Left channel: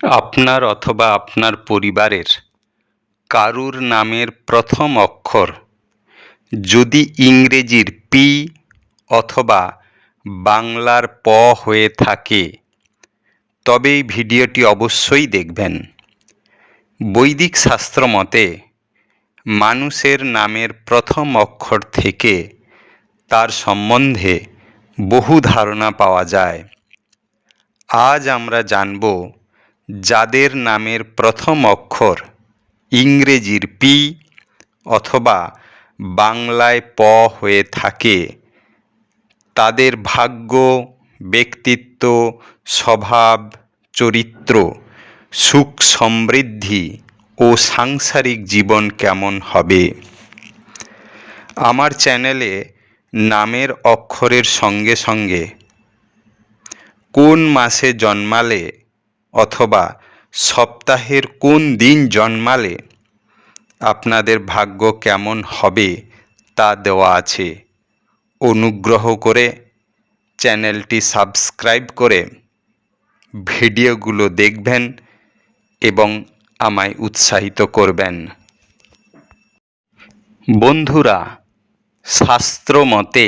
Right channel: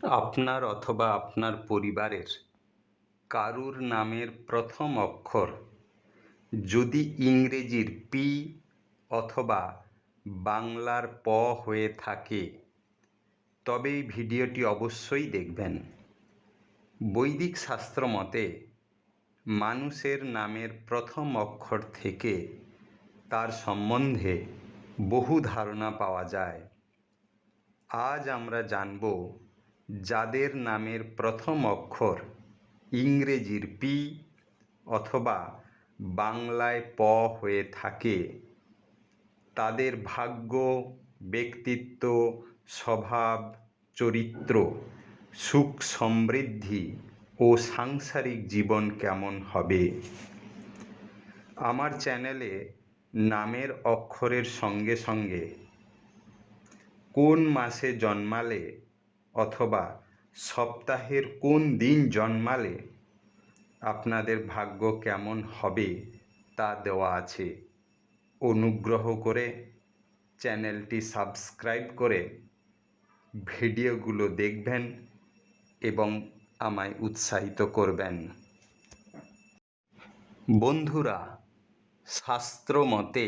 আপনার অথবা আপনার পরিবারের কারুর নামের প্রথম অক্ষর যদি ইংরেজির পি অথবা বাংলার প হয়ে থাকে তবে এই ভিডিওটি অবশ্যই দেখবেন। বৈদিক শাস্ত্র মতে মানুষের নামের প্রথম অক্ষর থেকে তার সম্বন্ধে বহু ধারণা পাওয়া যায়। আজ আমরা জানব যাদের নামের প্রথম অক্ষর ইংরেজির পি অথবা বাংলায় প হয়ে থাকে তাদের ভাগ্য, ব্যক্তিত্ব, স্বভাব, চরিত্র, সুখ সমৃদ্ধি ও সাংসারিক জীবন কেমন হবে। আমার চ্যানেলে নামের অক্ষরের সঙ্গে সঙ্গে কোন মাসে জন্মালে অথবা সপ্তাহের কোন দিন জন্মালে আপনাদের ভাগ্য কেমন হবে তা দেওয়া আছে। অনুগ্রহ করে চ্যানেলটি সাবস্ক্রাইব করে ভিডিওগুলো দেখবেন এবং আমায় উৎসাহিত করবেন। বন্ধুরা, শাস্ত্র মতে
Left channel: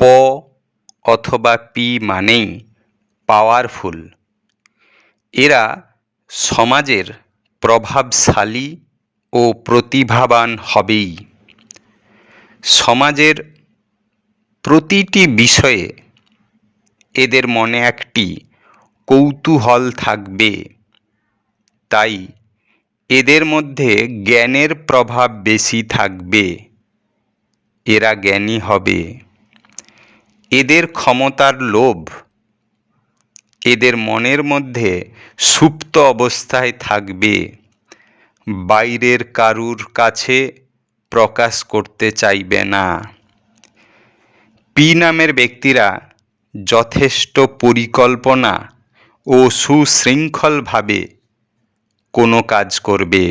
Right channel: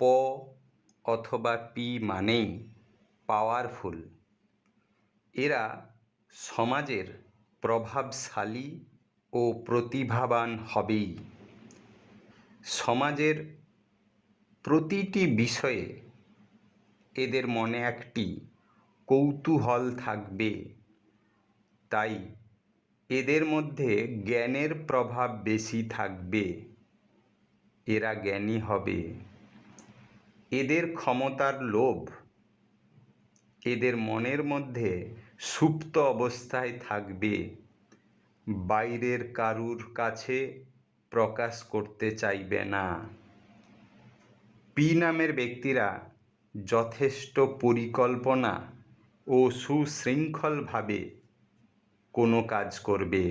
প অথবা পি মানেই পাওয়ারফুল। এরা সমাজের প্রভাবশালী ও প্রতিভাবান হবেই। সমাজের প্রতিটি বিষয়ে এদের মনে একটি কৌতূহল থাকবে, তাই এদের মধ্যে জ্ঞানের প্রভাব বেশি থাকবে। এরা জ্ঞানী হবে। এদের ক্ষমতার লোভ এদের মনের মধ্যে সুপ্ত অবস্থায় থাকবে, বাইরের কারুর কাছে প্রকাশ করতে চাইবে না। পি নামের ব্যক্তিরা যথেষ্ট পরিকল্পনা ও সুশৃঙ্খলভাবে কোনো কাজ করবে।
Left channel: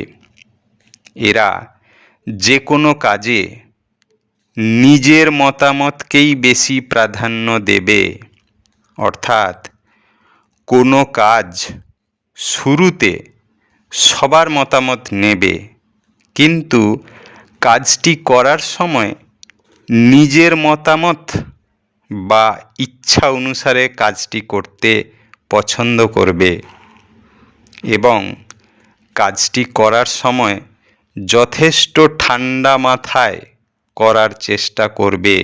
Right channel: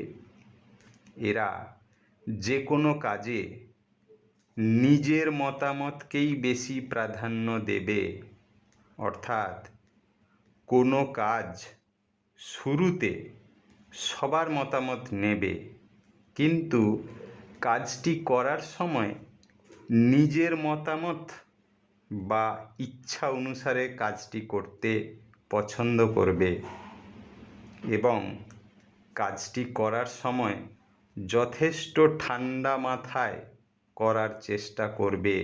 এরা যে কোনো কাজে নিজের মতামতকেই বেশি প্রাধান্য দেবে, অর্থাৎ কোনো কাজ শুরুতে সবার মতামত নেবে, কিন্তু কাজটি করার সময় নিজের মতামত বা ইচ্ছা অনুসারে কাজটি করতে পছন্দ করবে এবং কাজটি করার সময় যথেষ্ট ঠান্ডা মাথায় করার চেষ্টা করবে।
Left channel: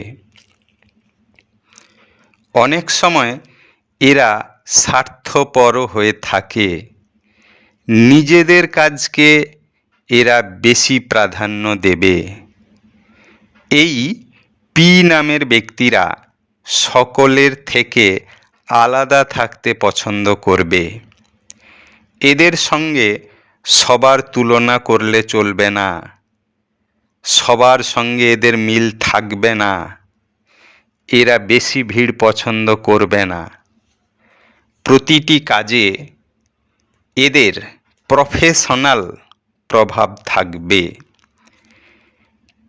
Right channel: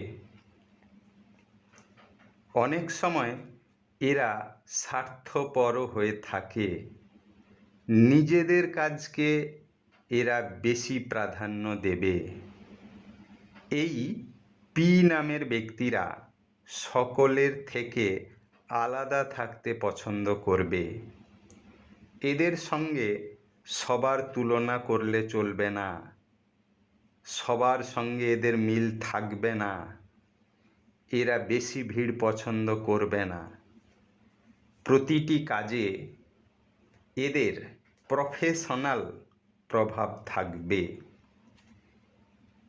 অনেক সময় এরা স্বার্থপর হয়ে থাকে। নিজেদের কাজকে এরা বেশি প্রাধান্য দেবে। এই পি নামের ব্যক্তিরা সকলের থেকে আলাদা থাকতে পছন্দ করবে। এদের সঙ্গে সবার তুলনা করলে চলবে না। সবার সঙ্গে এদের মিল থাকবে না। এরা বেশি ভিড় পছন্দ করবে না। প্রতিটি কাজে এদের প্রফেশনাল প্রভাব থাকবে।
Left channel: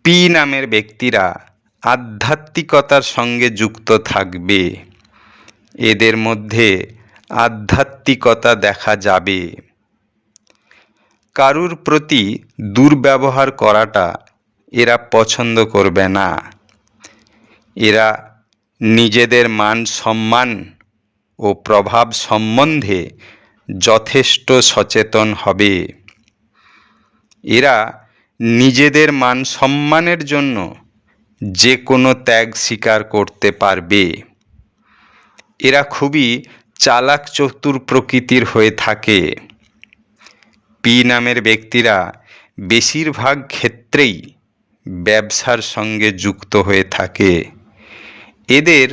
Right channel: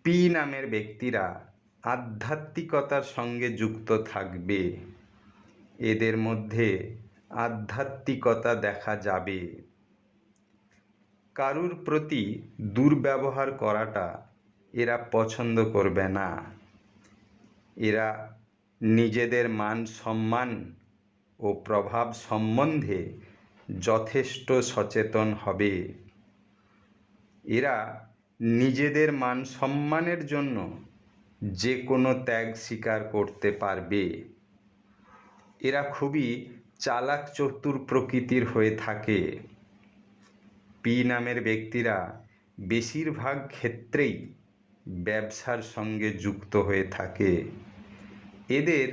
পি নামের ব্যক্তিরা আধ্যাত্মিকতার সঙ্গে যুক্ত থাকবে। এদের মধ্যে আধ্যাত্মিকতা দেখা যাবে। কারুর প্রতি দুর্ব্যবহার করাটা এরা পছন্দ করবে না। এরা নিজেদের মান সম্মান ও প্রভাব সম্বন্ধে যথেষ্ট সচেতন হবে। এরা নিজেদের মান সম্মানের জন্য যে কোনো ত্যাগ স্বীকার করতে পারবে। এরা খুবই চালাক চতুর প্রকৃতির হয়ে থাকে। পি নামের ব্যক্তিরা বেশিরভাগ ক্ষেত্রেই ব্যবসার সঙ্গে যুক্ত হয়ে থাকে। এদের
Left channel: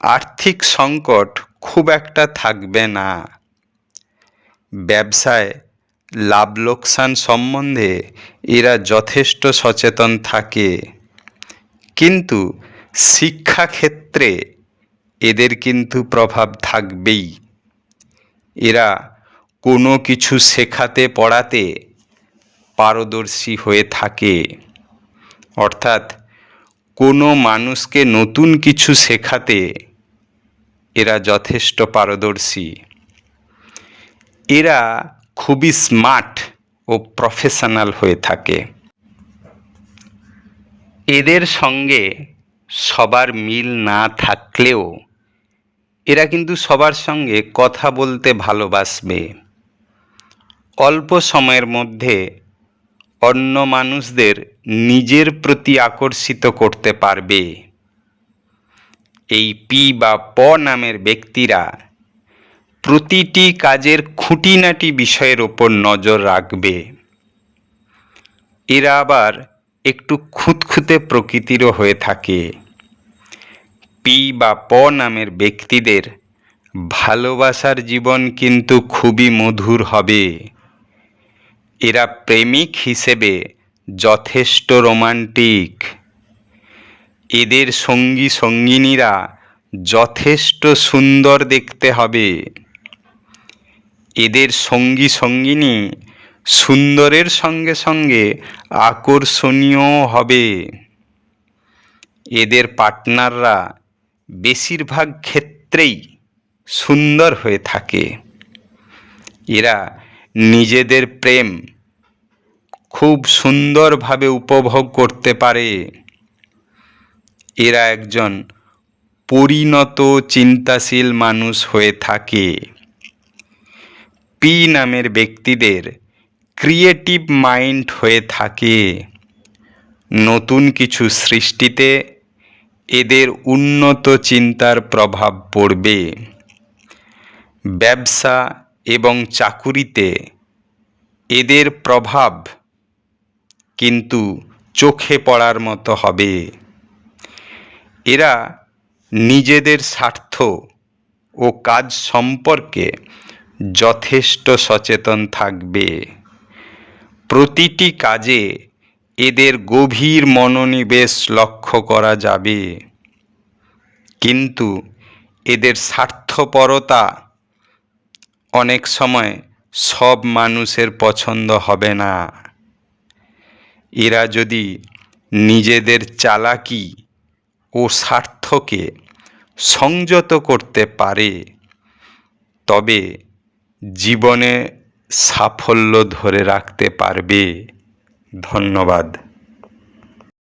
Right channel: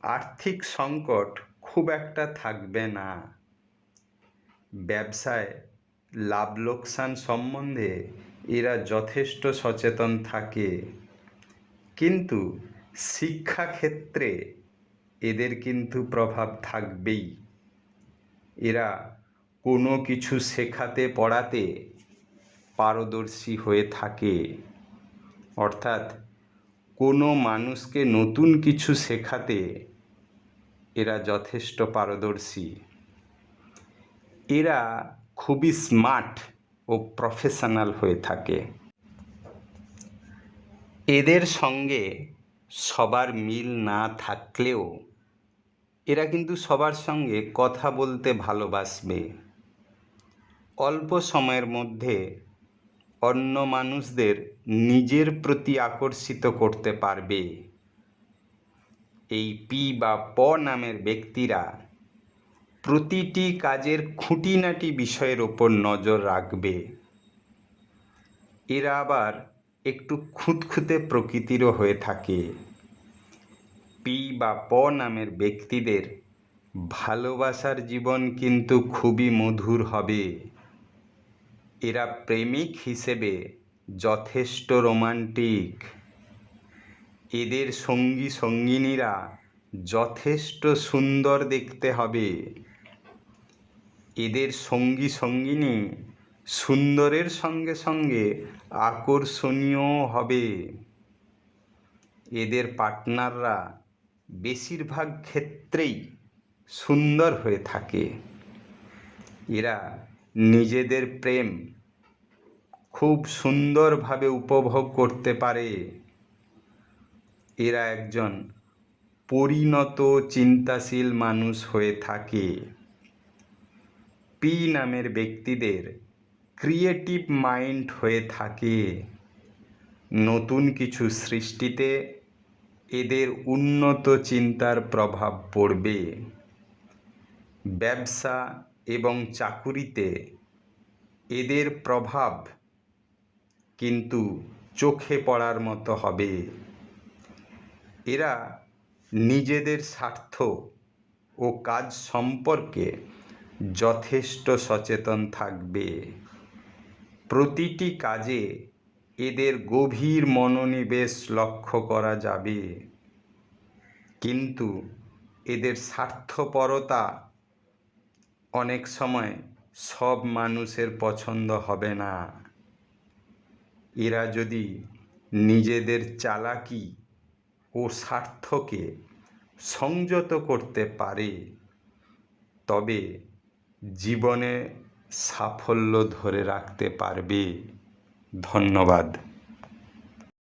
আর্থিক সংকট খুব একটা থাকবে না। ব্যবসায় লাভ লোকসান সম্বন্ধে এরা যথেষ্ট সচেতন থাকে, কিন্তু শিক্ষাক্ষেত্রে এদের কিন্তু প্রভাব থাকবেই। এরা কোনো কিছু শেখাতে পড়াতে পারদর্শী হয়ে থাকে, অর্থাৎ কোনো মানুষকে নতুন কিছু শেখাতে এরা যথেষ্ট পারদর্শী। এরা খুবই স্মার্ট ও প্রফেশনাল হয়ে থাকে। এদের সঙ্গে সবার মিল না থাকলেও এরা কিন্তু সবার সঙ্গে কথা বলতে ভালোবাসবে। অল্প সময়ের মধ্যে অন্য মানুষদের নিজের প্রতি আকর্ষিত করতে পারবে। এই পি বা প নামের ব্যক্তিরা প্রতিটি কাজের খুঁটিনাটি বিষয়ের ওপর নজর রাখবে। এরা আবার একটু খুঁতখুঁতে প্রকৃতিরও হয়ে থাকে। পি বা প নামের ব্যক্তিদের ভালোবাসার জীবন কিন্তু খুবই মধুর হবে। এরা প্রেমিক হিসেবে যথেষ্ট রোমান্টিক। এদের সঙ্গী সঙ্গিনীরা যথেষ্ট সুন্দর দেখতে হবে। এদের সঙ্গী সঙ্গিনী সুন্দরের সঙ্গে সঙ্গে আকর্ষণীয় হবে। এদের পার্টনাররা বেশিরভাগ ক্ষেত্রেই সুন্দর হয়ে থাকে। এরা নিজেদের প্রেম খুব সুন্দরভাবে উপভোগ করতে পারে। এরা একজন পরিণত চিন্তাশীল মানুষ হয়ে থাকে। পি নামের ব্যক্তিদের ক্রিয়েটিভ মাইন্ড হয়ে থাকে। নতুন কিছু সৃষ্টিতে এদের উন্নত চিন্তার প্রভাব পড়বে। ব্যবসা এবং চাকুরিতে এদের প্রভাব কিন্তু চোখে পড়ার মতো হবে। এরা নিজেদের স্বার্থ ও কাজ সম্পর্কে যথেষ্ট সচেতন থাকবে। প্রতিটি কাজে এদের গভীর মনোনিবেশ লক্ষ্য করা যাবে। কিন্তু এদের স্বার্থপরতা অনেক সময় সব মানুষের পছন্দ হবে না। এরা যদি নিজেদের চালাকি ও স্বার্থকে সংযত করতে পারে তবে জীবনে সাফল্য ধরে রাখতে পারবে। ধন্যবাদ।